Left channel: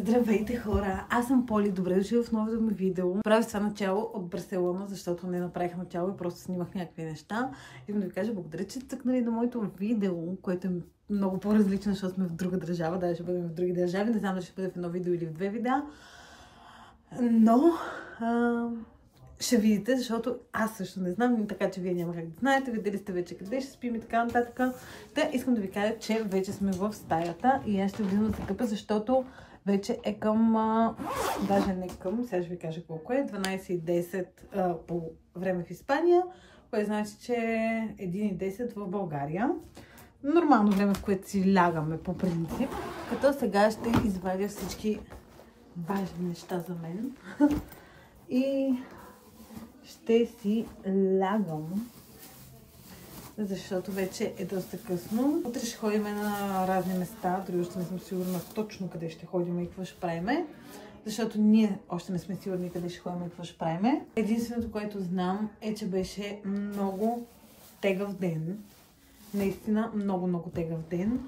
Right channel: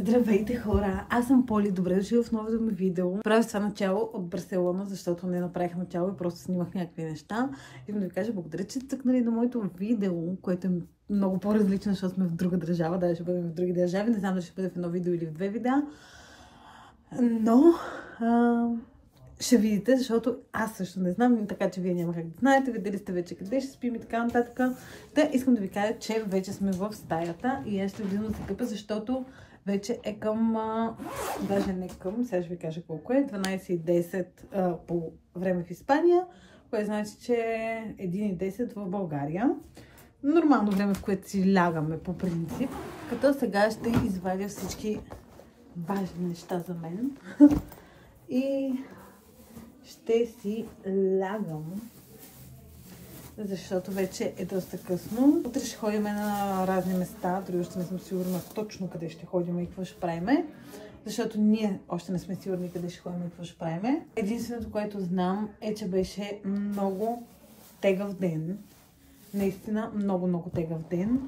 Здравейте хора! Аз съм Поли, добре дошли в новото ми видео. Правя това начало от Барселона, защото не направих начало и просто снимах някакви неща. Искам да ви кажа благодаря, че сте тъкнали на моето видео, което е много по-различно, защото сме в друга държава. Да, ще бъдем в други държави. Не знам дали ще бъде в едно видео или в две видеа. Но ще видите, защото аз също не знам, така че вие няма как да знаете. Видели сте вече къде ще спим и така нататък. Та искам да ви кажа, че вече сме в стаята и аз ще влизам за къпа, защото вече е към, даже не към, сега ще ви кажа колко е, 12:10 по време в Испания, което значи, че е 1:10 в България. Нормално време, в което си лягаме по принцип. Като сега ще извадя всички важни неща за мен и ще си лягам, защото вече е доста късно. Утре ще ходим на разни места, дори още не съм сигурна точно къде ще ходим и какво ще правим, защото ние още не сме сигурни къде ще ходим и какво ще правим. Единственото, което знам е, че беше много тегъв ден. Наистина много тегъв ден.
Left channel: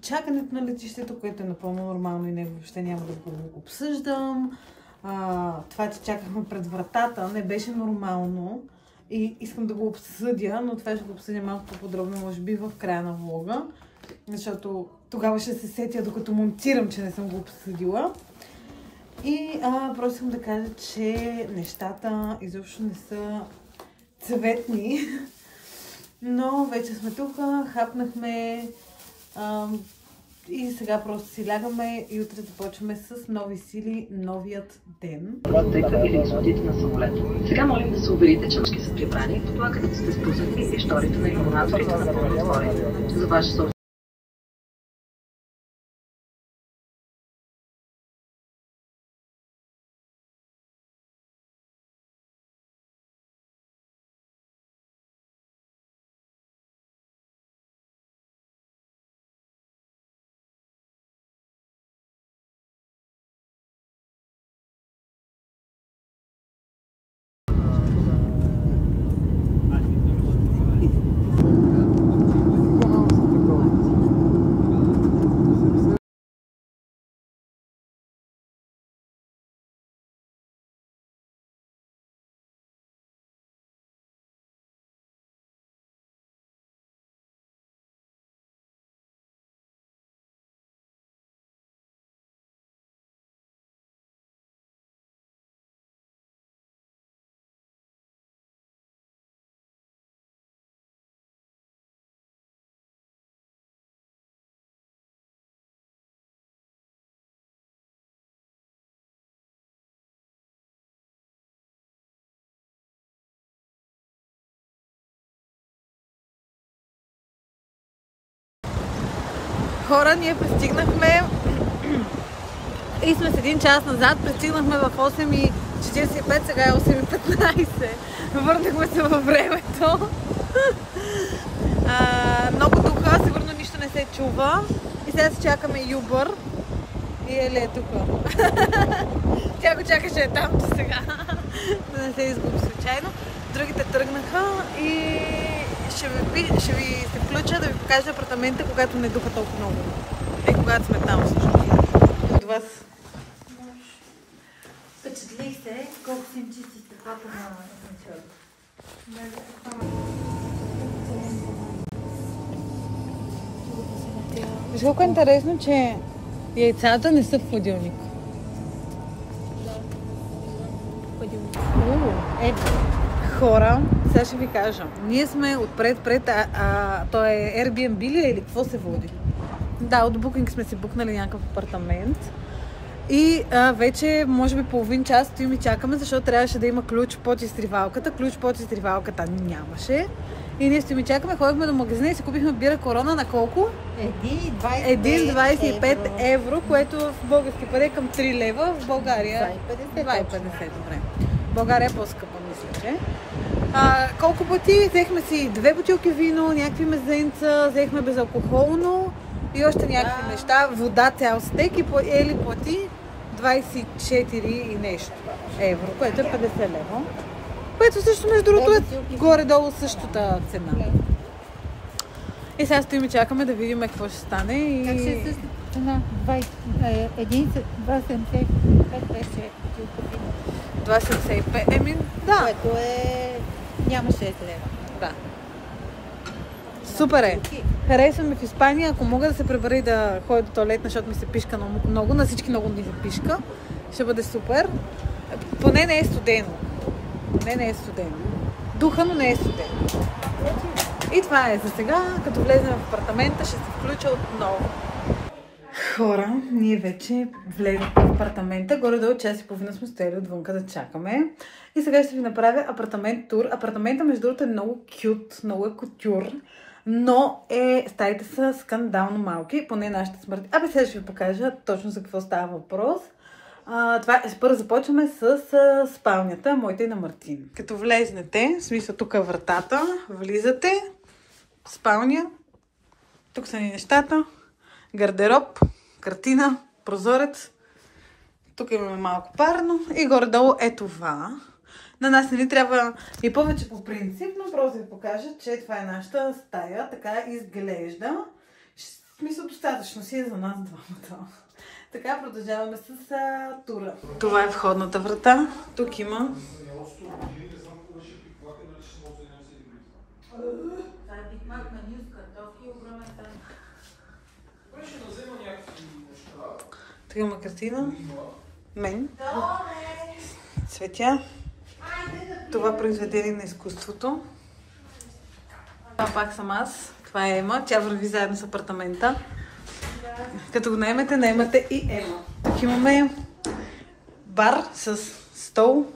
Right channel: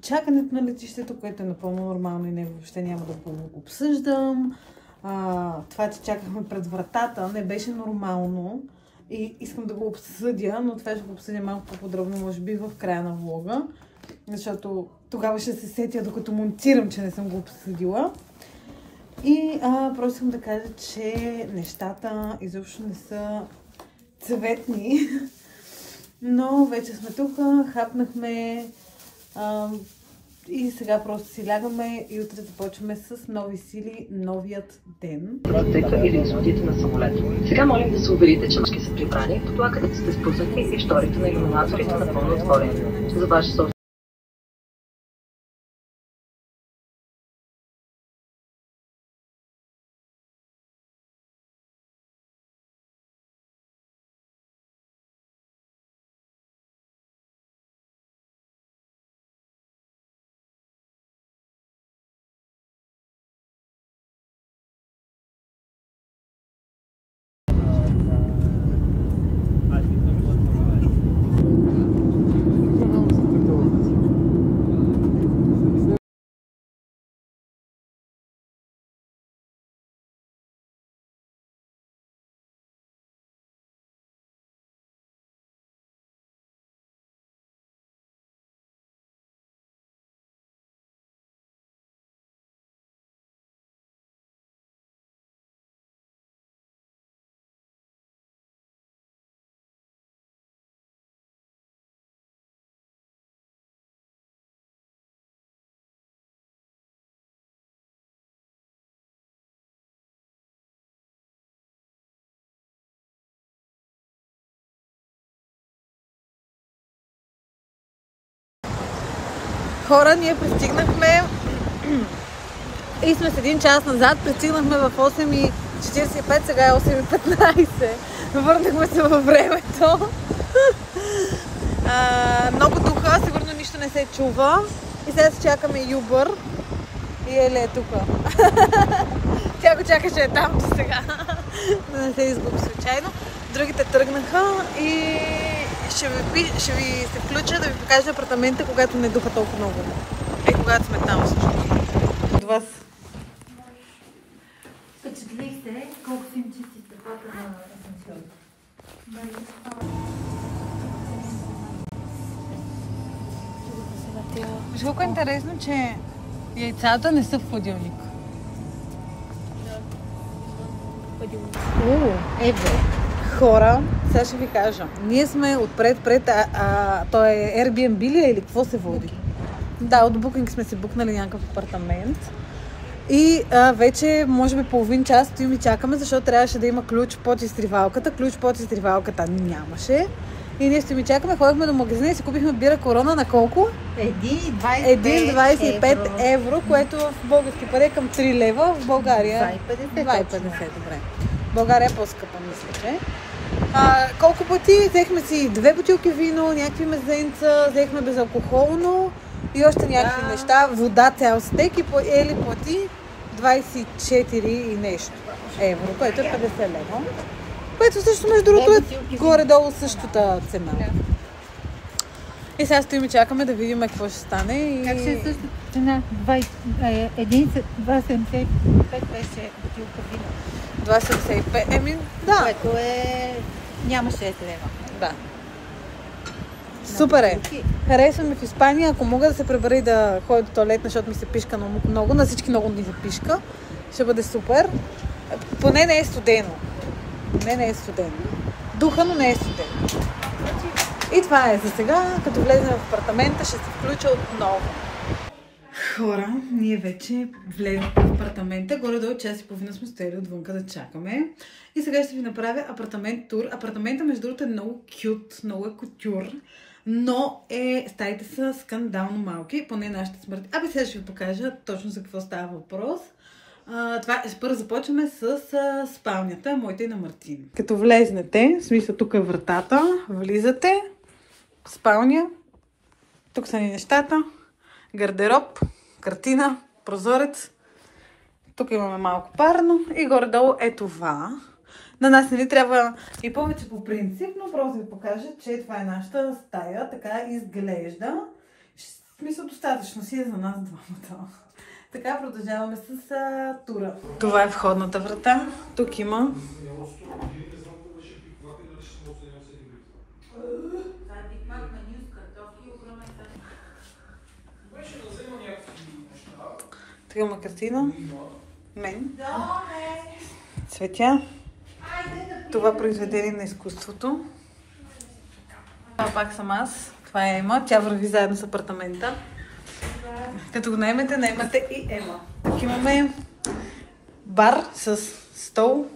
Чакането на летището, което е напълно нормално и него въобще няма да го обсъждам. Това, че чакахме пред вратата, не беше нормално и искам да го обсъдя, но това ще го обсъдя малко по-подробно, може би в края на влога, защото тогава ще се сетя, докато монтирам, че не съм го обсъдила. И просто искам да кажа, че нещата изобщо не са цветни, но вече сме тук, хапнахме и сега просто си лягаме и утре започваме с нови сили, новият ден. Или изходите на самолета. Сега молим да се уверите, че мъжки са прибрани, това където сте спуснати и шторите на иллюминаторите напълно отворени. За ваше собствено. Хора, ние пристигнахме и сме с 1 час назад. Пристигнахме в 8:45, сега е 8:15. Върнахме се във времето. Много духа, сигурно нищо не се чува. И сега се чакаме Uber. И Ели е тук. Тя го чакаше там до сега. Да не се изгуби случайно. Другите тръгнаха и ще ви се включа да ви покажа апартамента, когато не духа толкова много. И когато сме там също. От вас. Впечатлих се колко са им чисти стъклата на асансьора. Виж колко е интересно, че яйцата не са в хладилник. Евро. Хора, сега ще ви кажа. Ние сме отпред, то е Airbnb ли или какво се води? Да, от Booking сме си букнали някакъв апартамент. И вече, може би половин час стоим и чакаме, защото трябваше да има ключ под изтривалката. Ключ под изтривалката нямаше. И ние стоим и чакаме, ходихме до магазина и си купихме бира Корона на колко? 1,25 евро, което в български пари е към 3 лева, в България 2,50, добре. България е по-скъпа, мислите. Колко пъти? Взехме си 2 бутилки вино, някакви мезенца, взехме безалкохолно и още някакви неща. Вода, цял стек и Ели плати 24 и нещо евро, което е 50 лева. Което също между другото е горе-долу същата цена. И сега стоим и чакаме да видим какво ще стане. Как ще е същата цена? 2,75 беше бутилка вино. 2,75. Да. Което няма 6 лева. Да. Супер е. Харесвам в Испания. Ако мога да се пребера и да ходя до тоалетна, защото ми се пишка много, на всички много ни се пишка, ще бъде супер. Поне не е студено. Духа, но не е студено. И това е за сега. Като влезем в апартамента, ще се включа отново. Хора, ние вече влезем в апартамента. Горе-долу час и половина сме стояли отвънка да чакаме. И сега ще ви направя апартамент тур. Апартамента, между другото, е много кют, много е кутюр. Но стаите са скандално малки, поне нашите смърти. Сега ще ви покажа точно за какво става въпрос. Първо започваме с спалнята, моята и на Мартин. Като влезнете, в смисъл тук е вратата, влизате, спалня, тук са ни нещата, гардероб, картина, прозорец, тук имаме малко парно и горе-долу е това. На нас не ни трябва и повече по принцип, но просто ви покажа, че това е нашата стая, така изглежда. В смисъл достатъчно си е за нас двамата. Така продължаваме с тура. Това е входната врата. Тук има... Тук има картина. Мен. Цветя. Това произведение на изкуството. Това пак съм аз. Това е Ема. Тя върви заедно с апартамента. Като го наемате и Ема. Тук имаме бар с стол,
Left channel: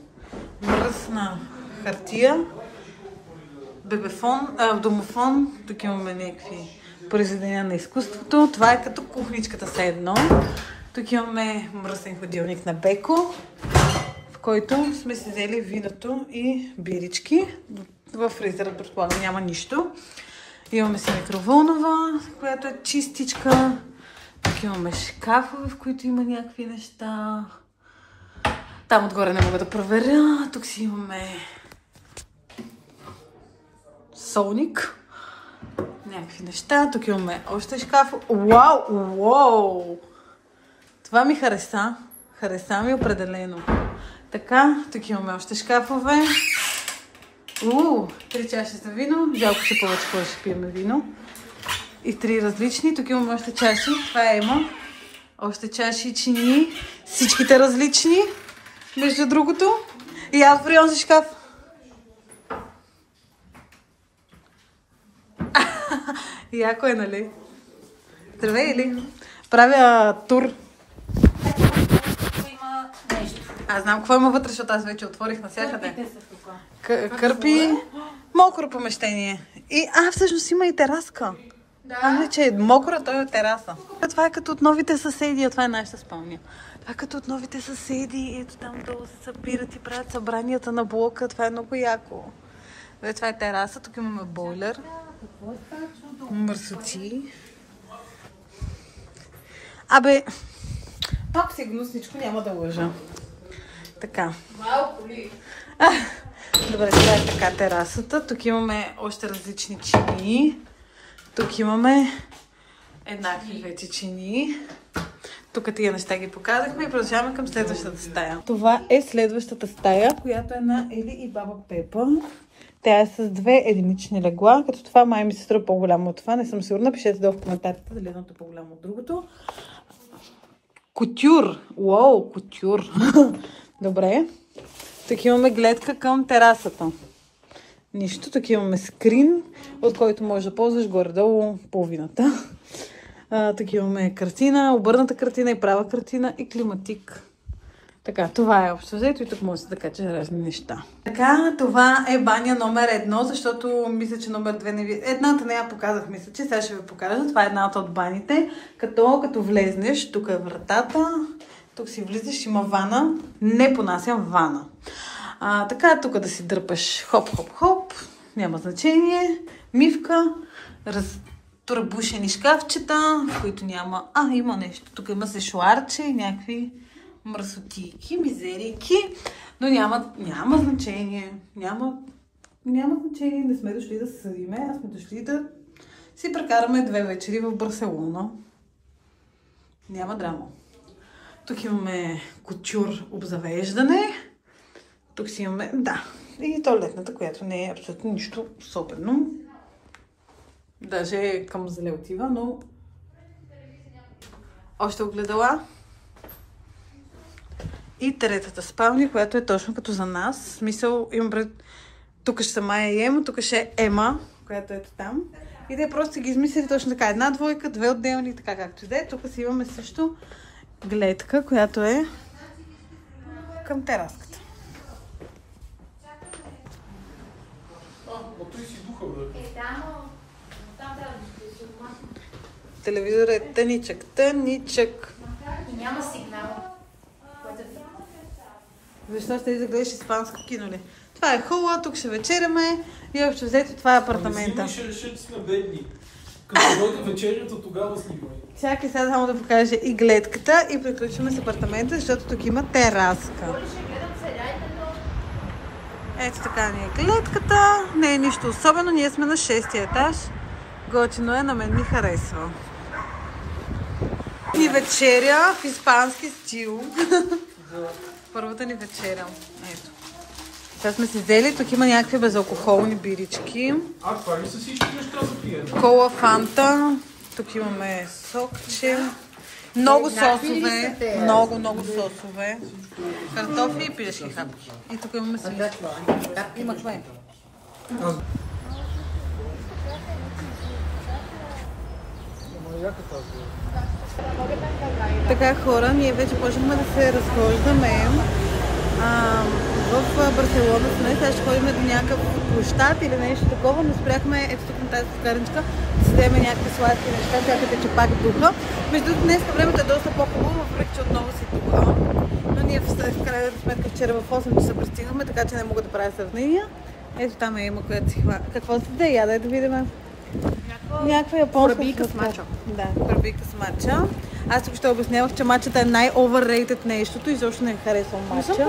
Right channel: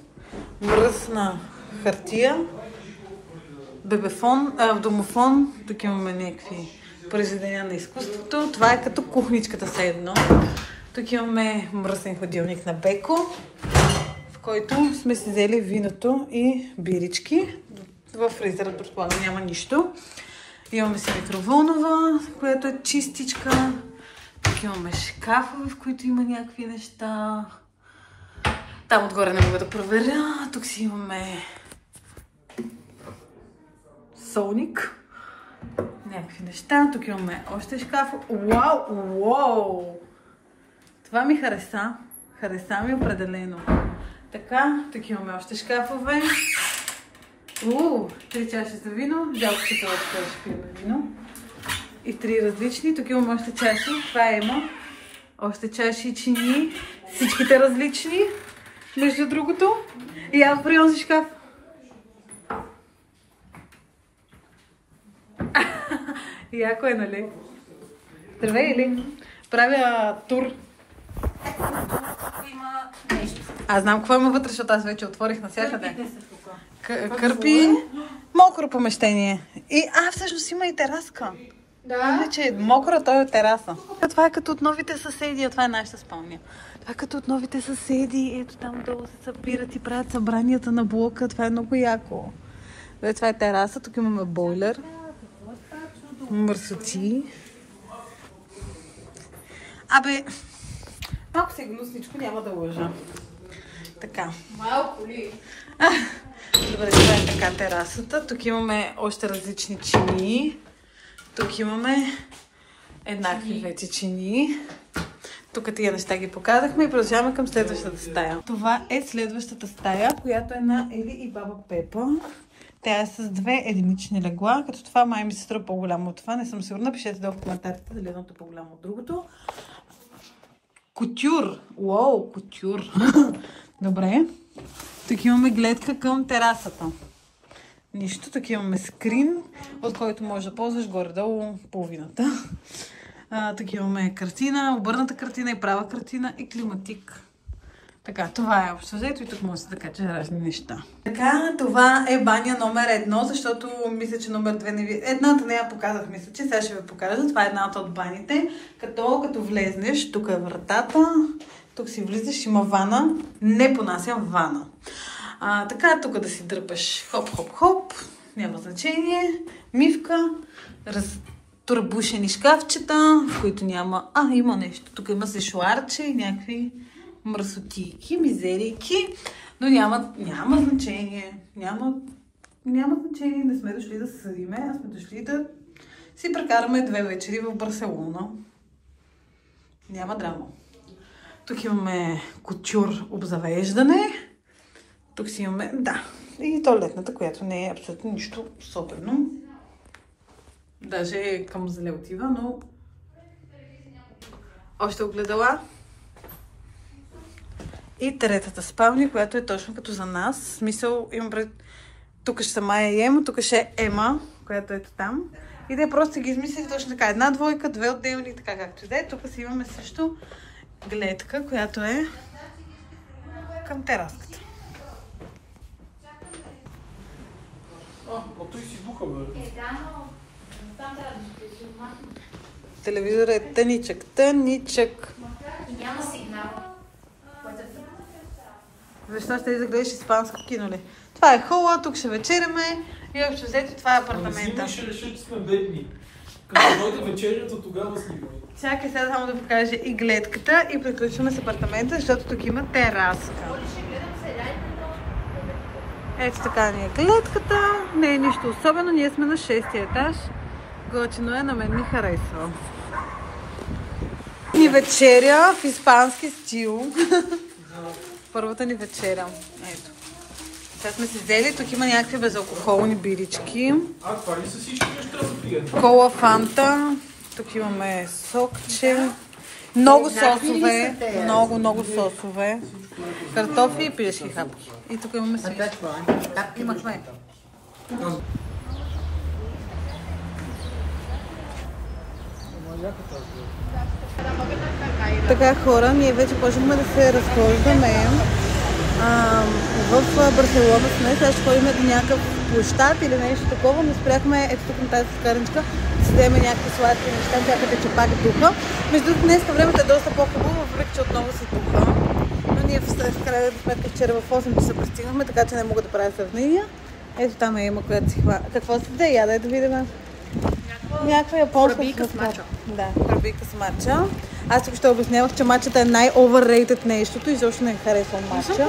мръсна хартия, бебефон, домофон. Тук имаме някакви произведения на изкуството. Това е като кухничката все едно. Тук имаме мръсен хладилник на Беко, в който сме си взели виното и бирички. В фризера, предполагам, няма нищо. Имаме си микроволнова, която е чистичка. Тук имаме шкафове, в които има някакви неща. Там отгоре не мога да проверя. Тук си имаме солник. Някакви неща. Тук имаме още шкаф. Уау! Това ми хареса. Хареса ми определено. Така, тук имаме още шкафове. 3 чаши за вино. Жалко се повече, кога ще пиеме вино. И 3 различни. Тук имаме още чаши. Това е Ема. Още чаши и чини. Всичките различни. Между другото. И аз при онзи шкаф. Яко е, нали? Здравей, или? Правя тур. Аз знам какво има вътре, защото аз вече отворих навсякъде. Кърпи. Мокро помещение. Всъщност има и тераска. Да. Че е мокро, той е тераса. Това е като от новите съседи, това е нашата спалня. Това е като от новите съседи, ето там долу се събират и правят събранията на блока. Това е много яко. Това е тераса, тук имаме бойлер. Мърсоти. Малко си гнусничко, няма да лъжа. Така. Малко ли? Добре, това е така терасата. Тук имаме още различни чини. Тук имаме еднакви вече чини. Тук тия неща ги показахме и продължаваме към следващата стая. Това е следващата стая, която е на Ели и баба Пепа. Тя е с 2 единични легла, като това май ми се струва по-голямо от това. Не съм сигурна, пишете долу в коментарите дали едното е по-голямо от другото. Кутюр! Уау, кутюр! Добре. Тук имаме гледка към терасата. Нищо. Тук имаме скрин, от който можеш да ползваш горе-долу половината. Тук имаме картина, обърната картина и права картина и климатик. Така, това е общо взето и тук може да кача разни неща. Така, това е баня номер 1, защото мисля, че номер 2 не ви... Едната не я показах, мисля, че сега ще ви покажа. Това е едната от баните. Като влезнеш, тук е вратата, тук си влизаш, има вана. Не понасям вана. Така, тук да си дърпаш хоп-хоп-хоп, няма значение. Мивка, разтурбушени шкафчета, в които няма... Има нещо. Тук има сешуарче и някакви мръсотики, мизерики, но няма значение. Няма значение, не сме дошли да се съдиме, а сме дошли да си прекараме 2 вечери в Барселона. Няма драма. Тук имаме кутюр обзавеждане. Тук си имаме, да, и туалетната, която не е абсолютно нищо особено. Даже към зле отива, но още огледала. И третата спалня, която е точно като за нас. В смисъл, имам пред... Тук ще са Майя и Ема, тук ще е Ема, която ето там. И те просто ги измислили точно така. 1 двойка, 2 отделни, така както да е. Тук си имаме също гледка, която е към тераската. Той си духа, бе. Телевизорът е тъничък, тъничък. Няма сигнал. Защо ще да гледаш испанско кино ли? Това е хола, тук ще вечеряме и общо взето това е апартамента. Не си ще реши, че сме бедни. Като дойде вечерята, тогава снимай. Чакай сега само да покажа и гледката и приключваме с апартамента, защото тук има тераска. Ето така ни е гледката. Не е нищо особено, ние сме на 6-ти етаж. Готино е, на мен ми харесва. Ни вечеря в испански стил. Първата ни вечеря. Ето. Сега сме си взели, тук има някакви безалкохолни бирички. Това ли са всички неща за пият? Кола, фанта. Тук имаме сокче. Много сосове. Много сосове. Картофи и пилешки хапки. И тук имаме си. Имахме. Така хора, ние вече почнахме да се разхождаме. В Барселона сме, сега ще ходим до някакъв площад или нещо такова, но спряхме ето тук на тази скарничка да си вземем някакви сладки неща, чакате, че пак духа. Между днеска времето е доста по-хубаво, въпреки че отново си духа. Но ние в крайна сметка вчера в 8 часа пристигнахме, така че не мога да правя сравнения. Ето там е Има, която си хвана. Какво се да яда? Да видим. Някаква японска Пребийка с мача. Да, пребийка с мача. Аз тук ще обяснявах, че мачата е най-overrated нещото и защо не харесвам мача.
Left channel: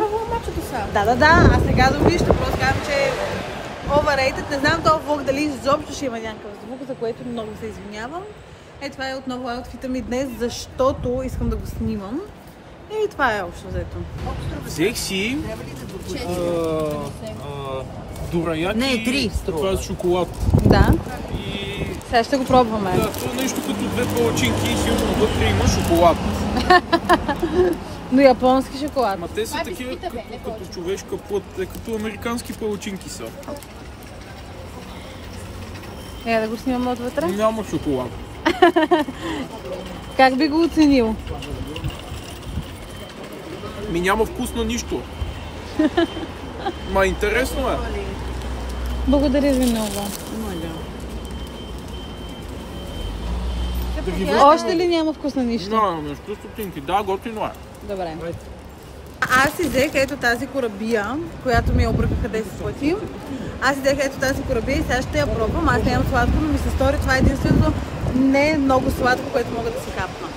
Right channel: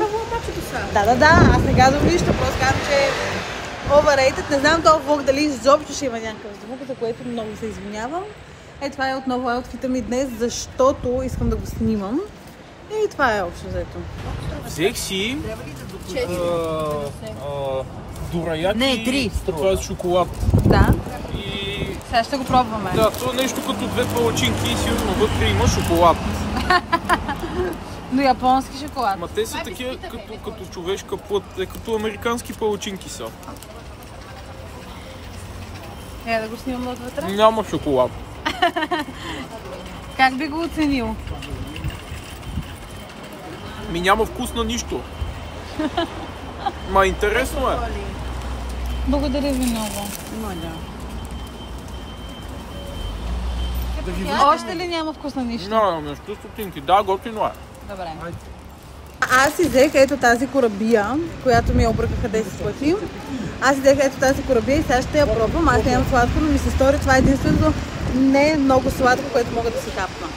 Да, аз сега да вижте, просто казвам, че е overrated. Не знам този влог дали изобщо ще има някакъв звук, за което много се извинявам. Това е отново аутфита ми днес, защото искам да го снимам. И това е общо взето. Взех си дураяки, това е шоколад. Да. И Сега ще го пробваме. да, това е нещо като 2 палачинки и сигурно вътре има шоколад. Но японски шоколад. Ма те са такива като човешка плът, като американски палачинки са. Да го снимаме отвътре. Няма шоколад. Как би го оценил? Ми няма вкус на нищо. Ма интересно е. Благодаря ви много. Още ли няма вкус на нищо? Няма нещо стотинки. Да, готино е. Добре. Аз си взех ето тази корабия, която ми я обръкаха 10 пъти. Аз си взех ето тази корабия и сега ще я пробвам. Аз нямам сладко, но ми се стори това единственото не е много сладко, което мога да си капна.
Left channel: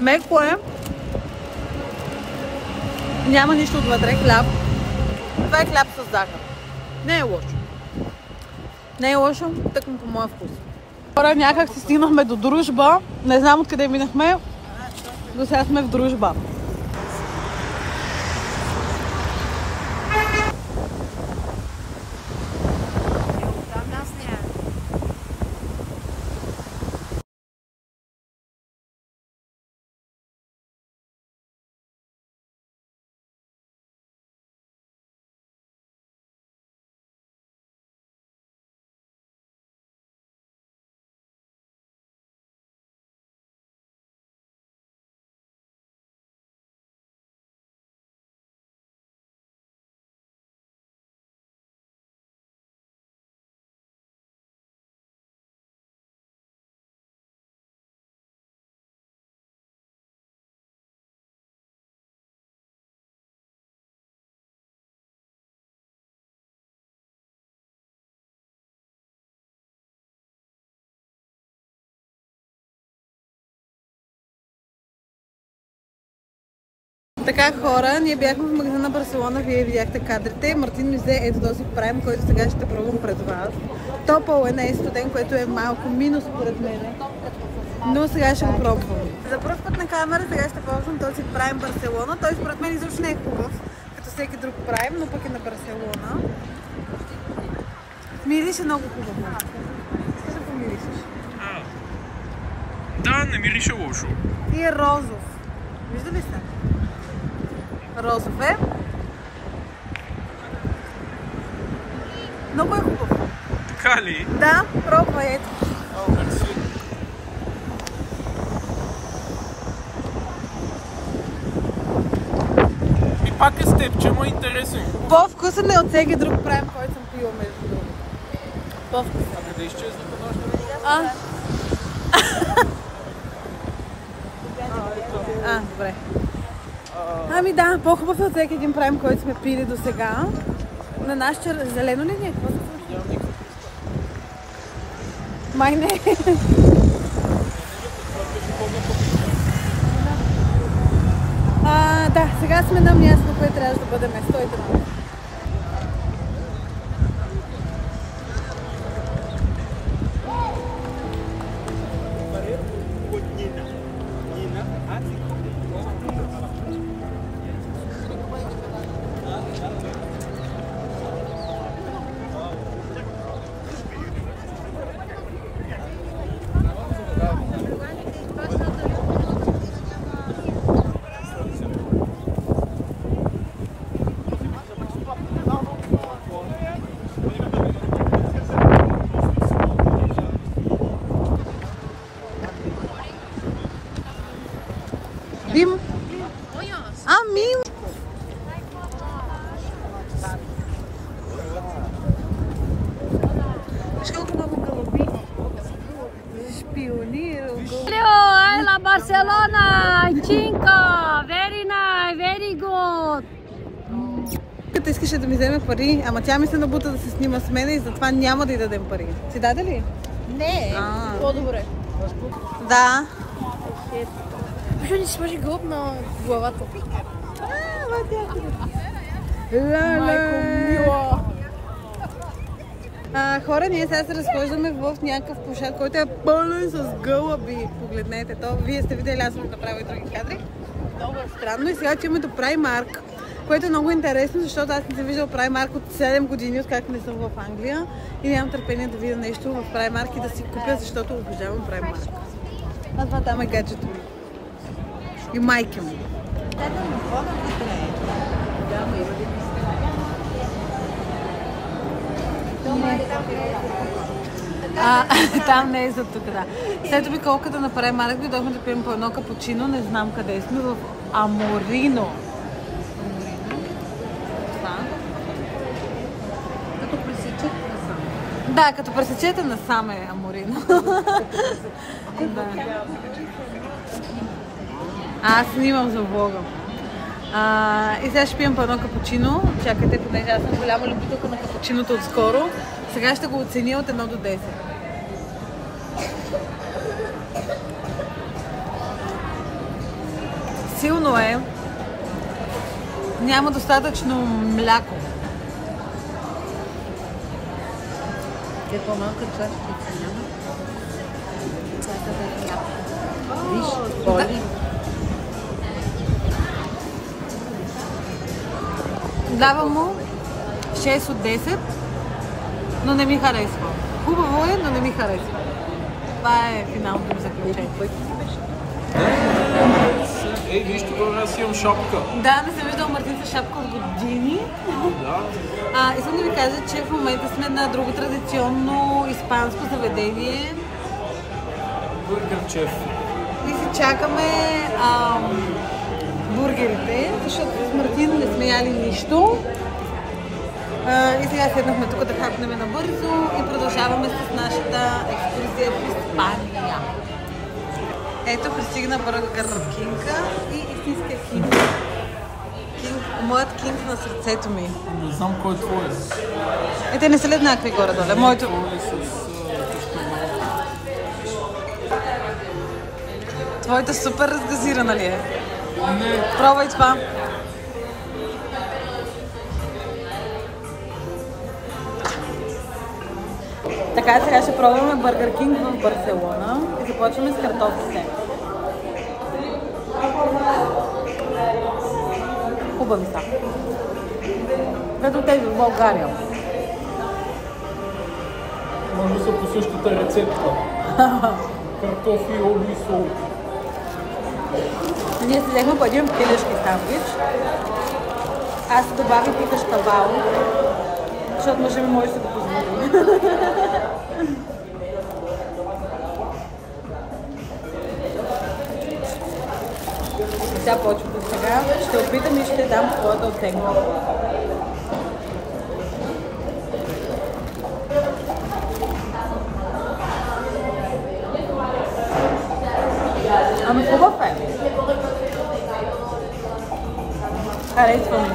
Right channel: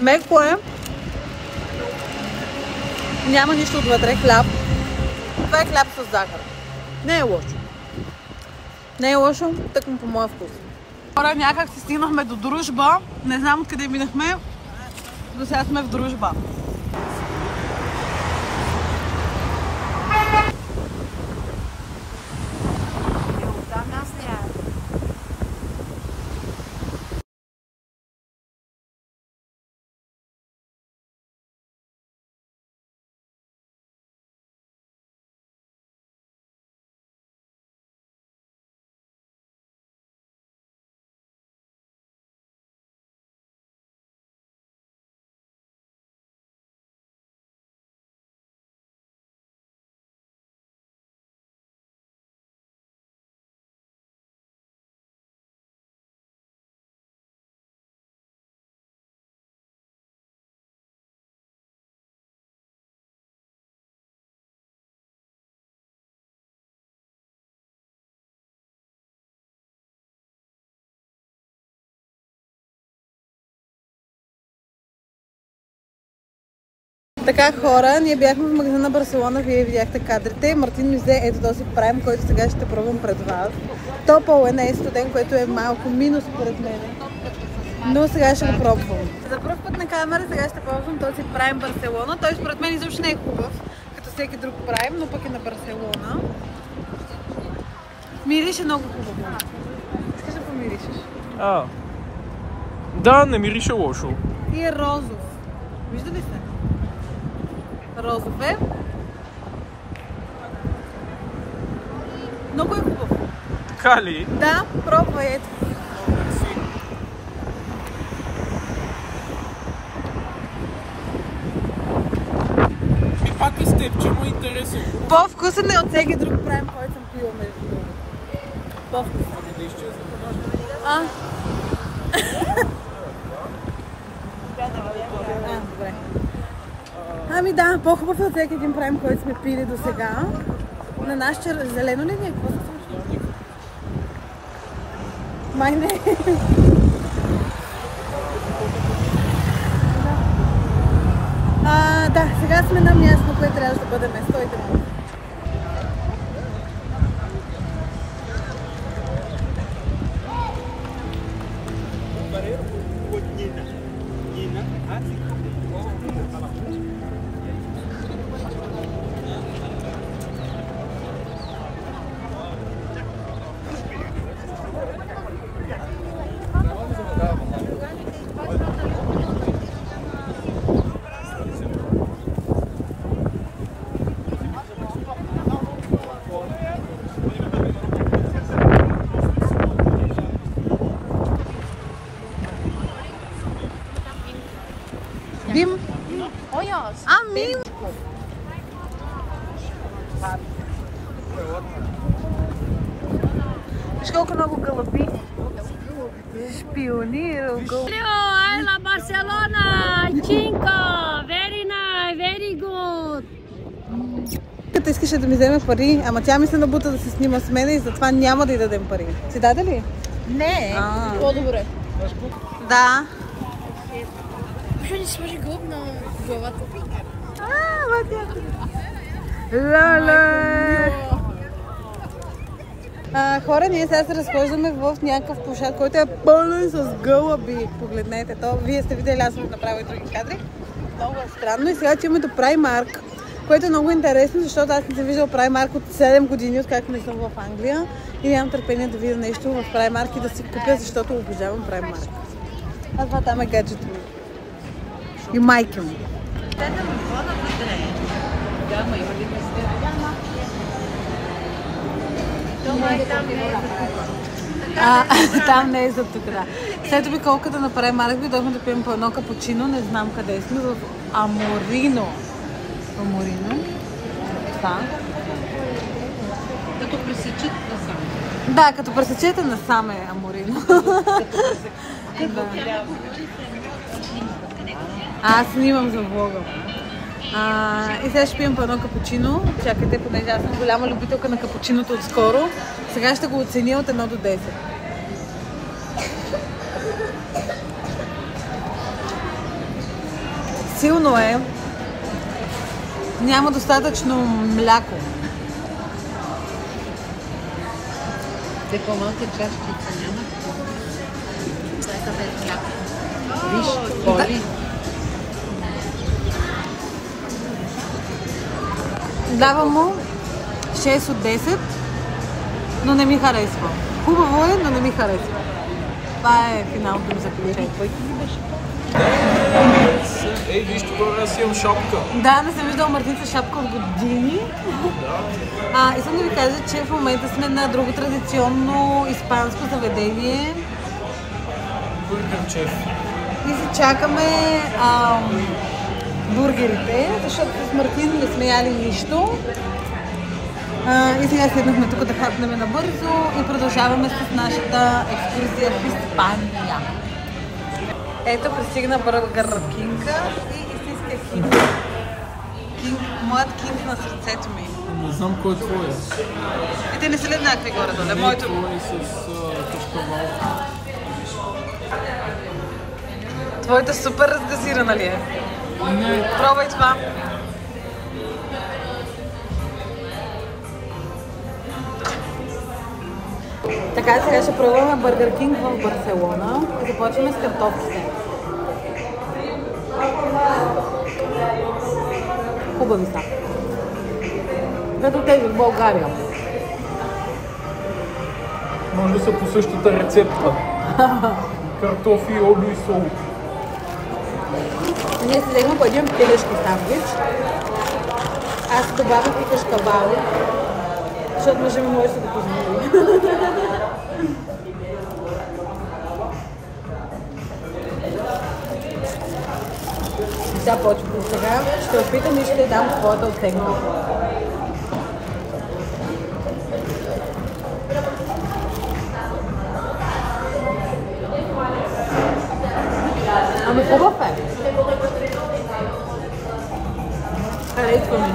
Меко е. Няма нищо отвътре. Хляб. Това е хляб с захар. Не е лошо. Не е лошо, тъкмо по моя вкус. Хора, някак се стигнахме до Дружба. Не знам откъде минахме. До сега сме в Дружба. Така, хора, ние бяхме в магазина на Барселона, вие видяхте кадрите. Мартин ми взе ето този прайм, който сега ще пробвам пред вас. Топъл е, не е студен, което е малко минус според мен. Но сега ще го пробвам. За първ път на камера сега ще пробвам този прайм Барселона. Той според мен изобщо не е хубав, като всеки друг прайм, но пък е на Барселона. Мирише много хубаво. Искаш да помиришеш? Да, не мирише лошо. И е розов. Вижда ли се? Розов е. Много е хубав. Така ли? Да, пробвай, ето. Пак е с теб, че му е интересно. По-вкусен е от всеки друг прайм, който съм пила между другото. По-вкусен. Ами да изчезне по нашата. Добре. Ами да, по-хубав е от всеки един прайм, който сме пили до сега. На наш зелено ли ни е? Какво се случва? Май не. Да, сега сме на място, на което трябва да бъдем. Стойте малко. Бим? Мин! Виж колко много гълъби. Шпионирал го. Hello, la Barcelona, Cinco, very nice, very good. Като искаше да ми вземе пари, ама тя ми се набута да се снима с мене и затова няма да й дадем пари. Си даде ли? Не, по-добре. Да. Защо не сложи гълъб на главата? Хора, ние сега се разхождаме в някакъв площад, който е пълен с гълъби. Погледнете то. Вие сте видели, аз съм направила и други кадри. Много е странно. И сега отиваме до Primark, което е много интересно, защото аз не съм виждала Primark от 7 години, откакто не съм в Англия. И нямам търпение да видя нещо в Primark и да си купя, защото обожавам Primark. А това там е гаджето ми. И майка му. Да, ма има ли места? Там не е за тук, да. След обиколка да направим Марк, дойдохме да пием по едно капучино, не знам къде сме, в Аморино. Аморино? Да. Като пресечат насам. Да, като пресечете насам е Аморино. Да. Аз снимам за влога. И сега ще пием по едно капучино. Чакайте, понеже аз съм голяма любителка на капучиното отскоро. Сега ще го оценя от 1 до 10. Силно е. Няма достатъчно мляко. Те по-малка чашки няма. Виж, боли. Давам му 6 от 10, но не ми харесва. Хубаво е, но не ми харесва. Това е финалното ми заключение. Ей, виж това, аз имам шапка. Да, не съм виждала Мартин с шапка от години. Искам да ви кажа, че в момента сме на друго традиционно испанско заведение. Бургер Чеф. И си чакаме бургерите, защото с Мартин не сме яли нищо. И сега седнахме тук да хапнем набързо и продължаваме с нашата екскурзия в Испания. Ето, пристигна Бургер Кинга и истинския кинг. Моят кинг на сърцето ми. Не знам кой е твой. Ето не са ли еднакви горе-доле? Моето... Твой е с кашкавал. Твоята супер разгазирана ли е? Пробвай това. Така, сега ще пробваме Бургер Кинг в Барселона и започваме с картофите. Хубави са. Като тези в България. Може да са по същата рецепта. Картофи, олио и сол. Ние си взехме по един телешки сандвич. Аз добавих и кашкавал, защото мъжа ми може да го позволи. Сега почвам. Сега ще опитам и ще дам своята оценка. Ами хубав е. Харесва ми.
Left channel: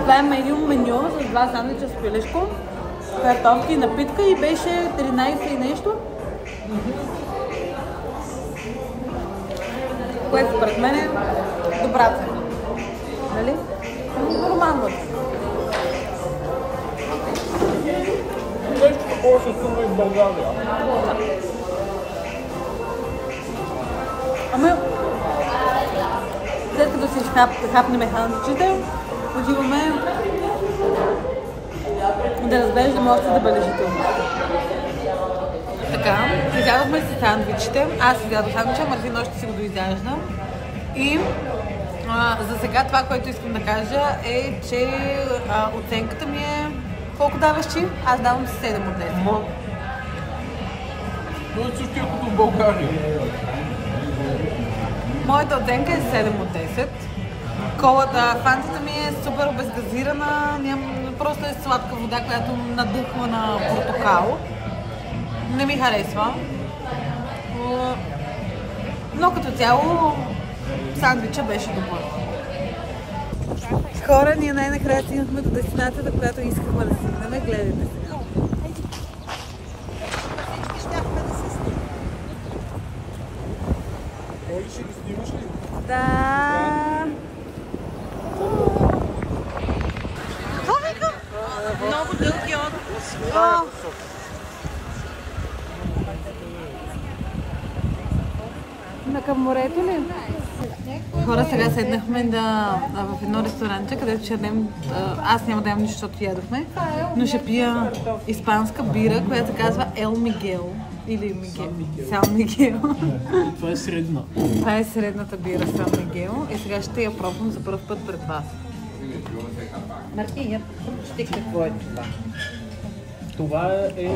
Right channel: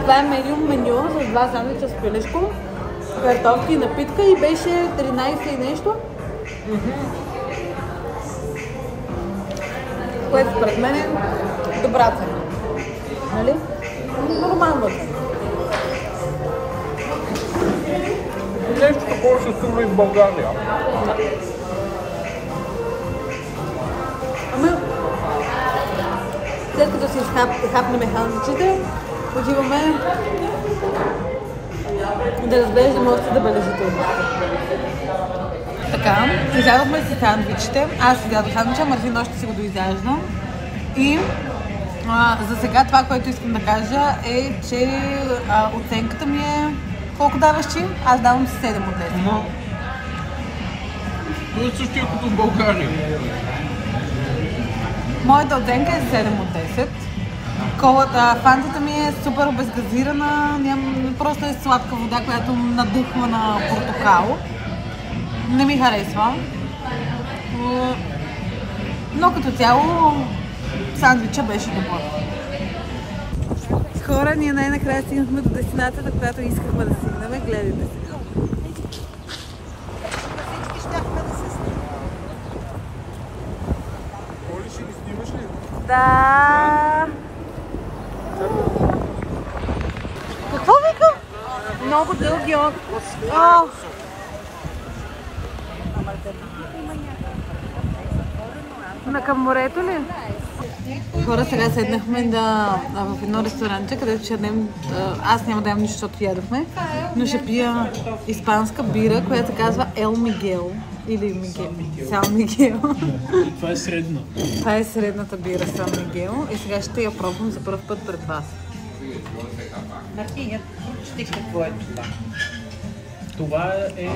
Това е меню с два сандвича с пилешко, картофки и напитка и беше 13 и нещо. Което според мен е добра цена. Нали? Нормално е. Нещо такова ще сума и в България. Да. Ами, след като си хапнем сандвичите, отиваме да разглеждаме още забележителности. Така, изядохме си сандвичите. Аз изядох сандвича, Мартин още си го доизяжда. И за сега това, което искам да кажа е, че оценката ми е... Колко даваш ти? Аз давам 7 от 10. Но същия като в България. Моята оценка е 7 от 10. Колата, фантата ми е супер обезгазирана, просто е сладка вода, която надъхва на портокал. Не ми харесва. Но като цяло сандвича беше добър. Хора, ние най-накрая стигнахме до дестинацията, която искахме да стигнем. Гледайте сега. Всички щяхме да се снимаме. Оли, ще ги снимаш ли? Да. Какво викам? Много дълги отпуск. Към морето ли? Хора, сега седнахме в едно ресторанче, където ще ядем... Аз няма да ям нищо, защото ядохме, но ще пия испанска бира, която се казва Ел Мигел. Или Мигел. Сан Мигел. Това е средна. Това е средната бира Сан Мигел и сега ще я пробвам за първ път пред вас. Мартин, ще какво е това? Това е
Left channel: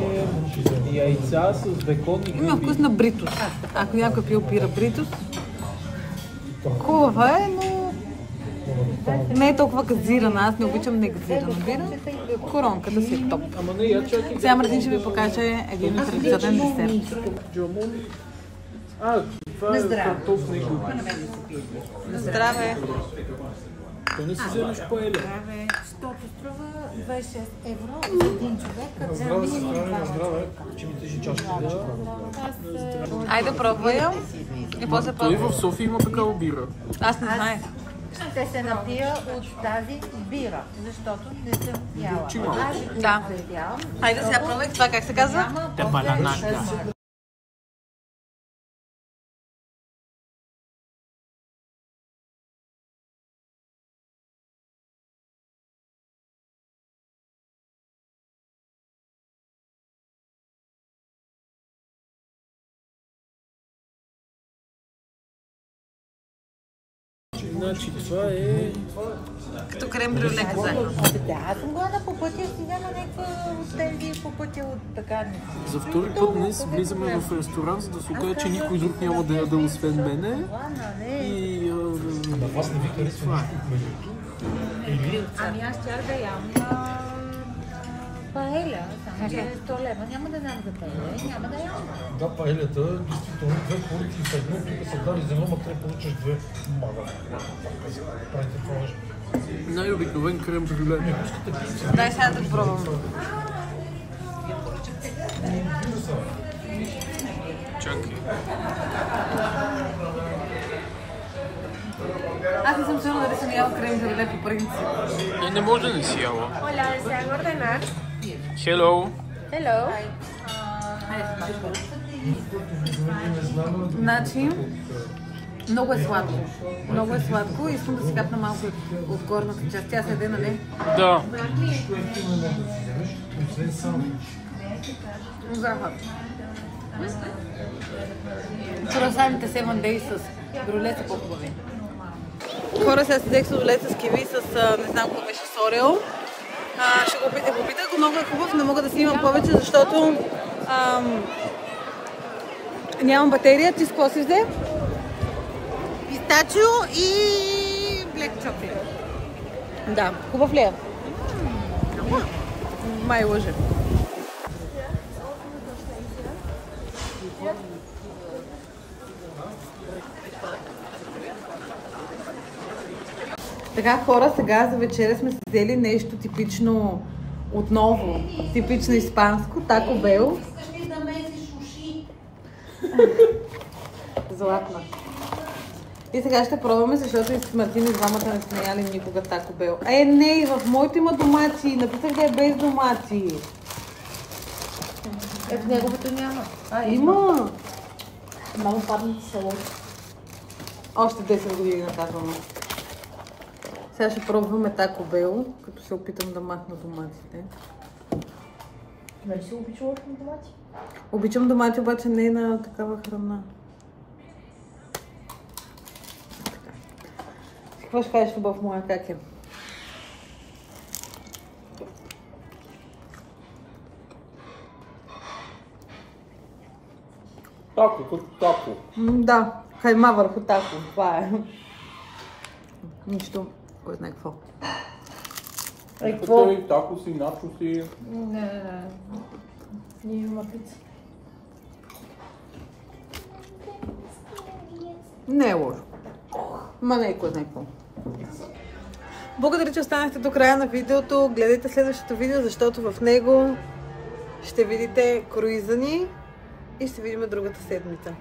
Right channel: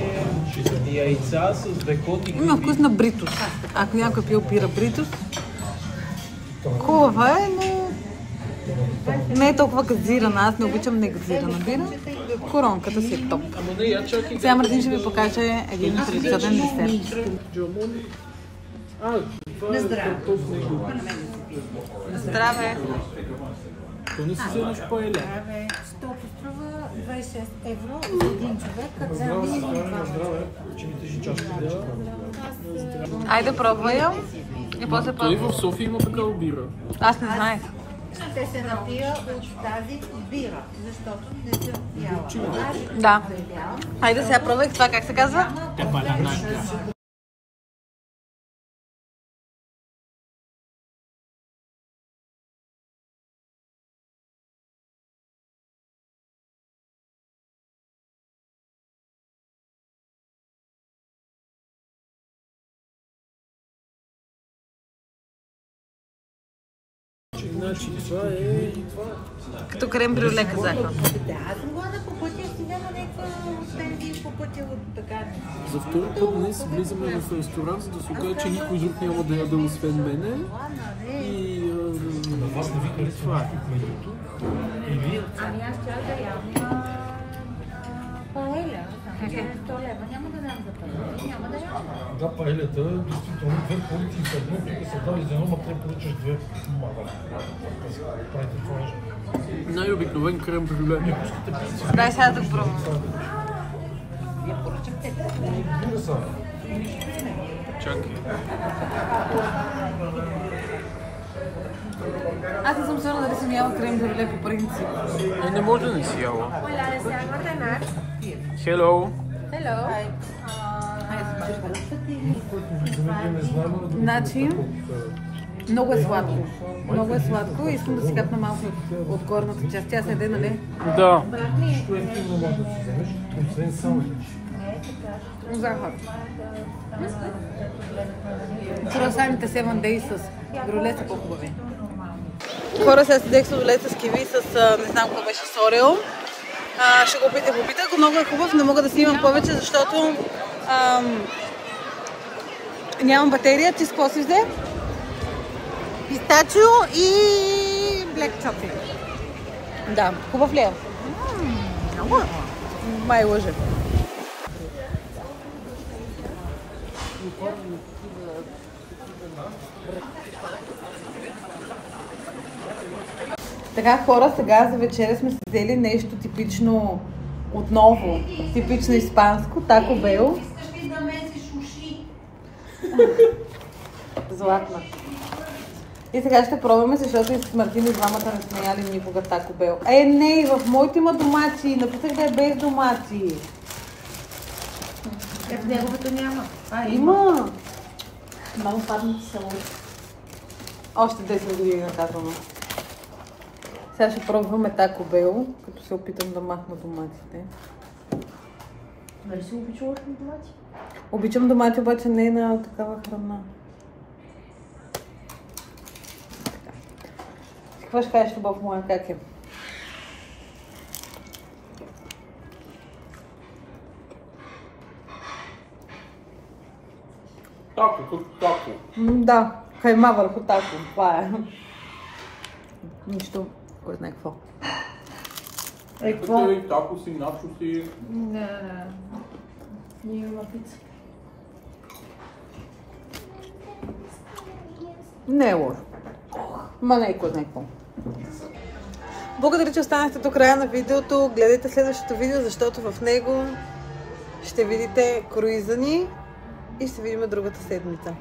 яйца с бекон и Има вкус на бритус. Ако някой пил бира бритус, хубава е, но не е толкова газирана. Аз не обичам негазирана бира. Коронката си е топ. Сега Мартин ще ви покаже един традиционен десерт. Това е картофна и губа. Здраве! То не си вземаш паеля. Защото струва 26 евро за един човек, като взема минимум 2. Айде пробвай я. И после Той пробвай. в София има такава бира. Аз не знаех. Ще се напия от тази бира, защото не съм яла. Да. Айде сега пробвай това, как се казва? Баланака. Значи това е... Като крем брюле казаха. Да, аз съм гладна по пътя, стига на някакви от тези по пътя от пекарници. За втори път днес влизаме в ресторант, за да се окаже, че никой друг няма да яде освен мене. И... Вас не ви харесва менюто? Или? Ами аз щях да ям паеля, само че 100 лева. Няма да знам за паеля и няма да ям. Да, паелята, действително, две поръчки в едно, които са дали за едно, ма трябва да поръчаш две. Правите това. Най-обикновен крем брюле. Дай сега да пробвам. Чакай. Аз не съм сигурна дали съм яла крем брюле по принцип. Не може да не си яла. Hello. Значи, много е сладко. Много е сладко и искам да си капна малко от горната част. Тя седе, нали? Да. Захар. Круасаните 7 Days с брюле са по-хубави. Хора, сега си взех с рулет с киви с не знам какво беше с Орео. Ще го опитах, много е хубав, не мога да снимам повече, защото нямам батерия. Ти с какво си взе? Пистачио и блек чоколад. Да, хубав ли е? Много е. Май лъже. Така, хора, сега за вечеря сме си взели нещо типично, отново, типично испанско, Тако Бел. Златна. И сега ще пробваме, защото и с Мартин и двамата не сме яли никога Тако Бел. Не, в моето има домати, написах да е без домати. В неговото няма. Има. Много паднати салати. Още 10 години наказано. Сега ще пробваме Тако Бел, като се опитам да махна доматите. Нали си обичала домати? Обичам домати, обаче не е на такава храна. Така. Какво ще кажеш, любов моя, как е? Тако, като тако. Да, кайма върху тако, това е. Нищо, кой знае какво. Какво? Тако си, начо си. Ние има пица. Не е лошо. Ма не е кой знае какво. Благодаря, че останахте до края на видеото. Гледайте следващото видео, защото в него ще видите круиза ни и се видим другата седмица.